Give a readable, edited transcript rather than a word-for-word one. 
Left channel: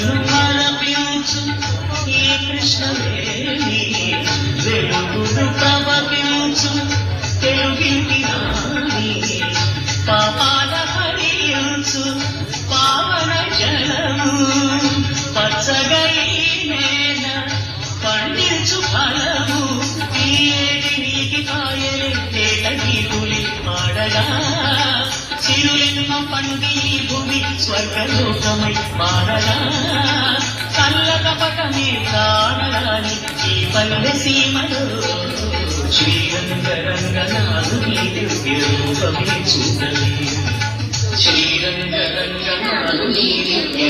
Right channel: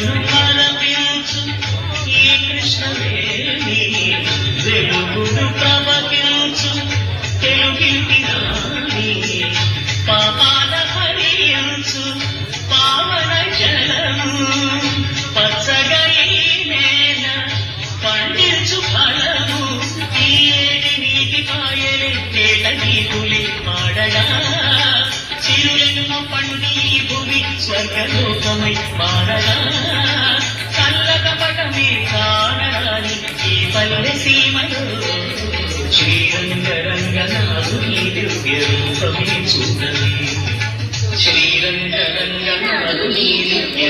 కృపను ఆలపించు ఈ కృష్ణవేణి వెలుగును ప్రవహించు తెలుగింటి రాణి పాపాల హరించు పావన జలము పచ్చగా ఈ నేల పండించు ఫలము ఈ ఏటి నీటి కాయలే నేల నీకులే పాడగా చిరులెన్ను పండి భూమి స్వర్గలోకమై పాడగా కల్లకపటమే కానరాని ఈ పల్లె సీమలో శ్రీరంగరంగనాథుని దివ్య రూపమే చూడని శ్రీరంగరంగనాథుని దివ్య